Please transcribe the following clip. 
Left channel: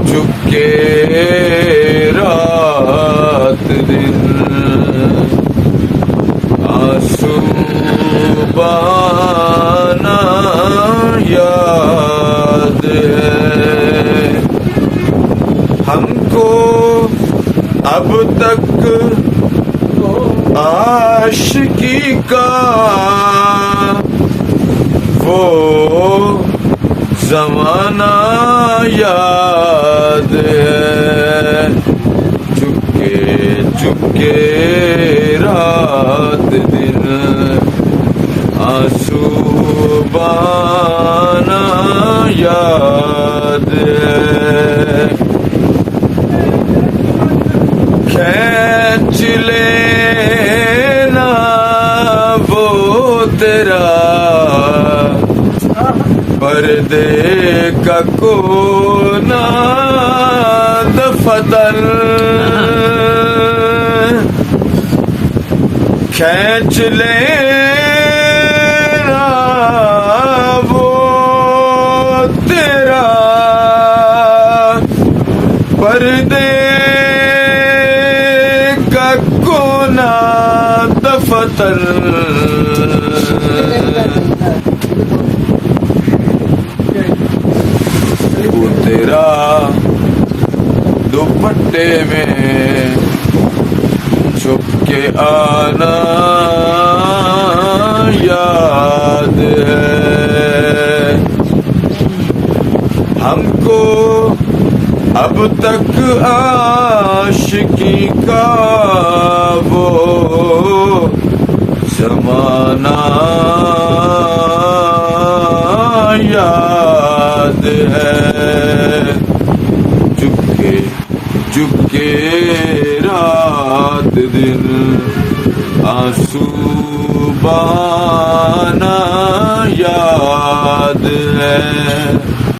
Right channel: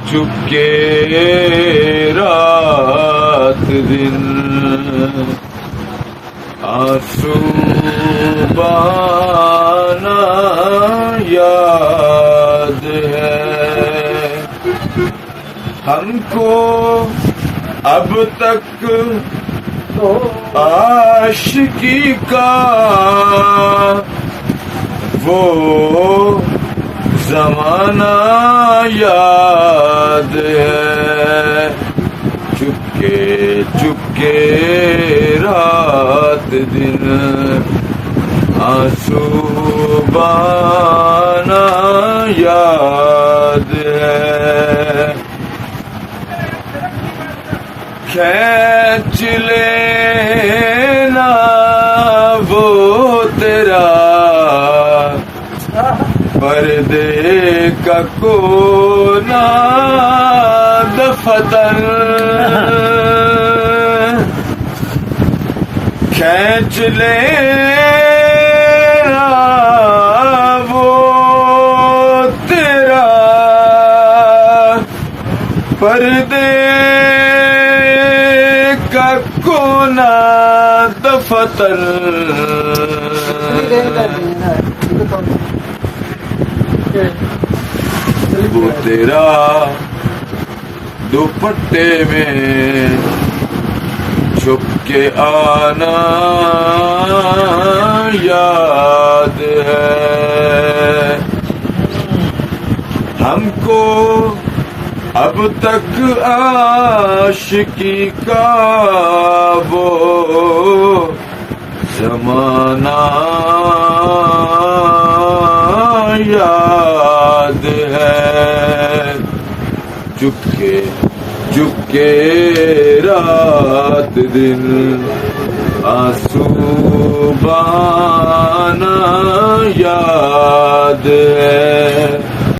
چپکے رات دن آنسو بانا یاد ہے ہم کو اب تک عاشقی کا وہ زمانہ یاد ہے چپکے چپکے رات دن آنسو بانا یاد ہے کھینچ لینا وہ تیرا پردے کا کونا دفتر کھینچ لینا وہ تیرا پردے کا کونا دفتر وہ تیرا دوپٹے میں چھپ کے آنا یاد ہے ہم کو اب تک عاشقی کا وہ زمانہ یاد ہے چپکے چپکے رات دن آنسو بانا یاد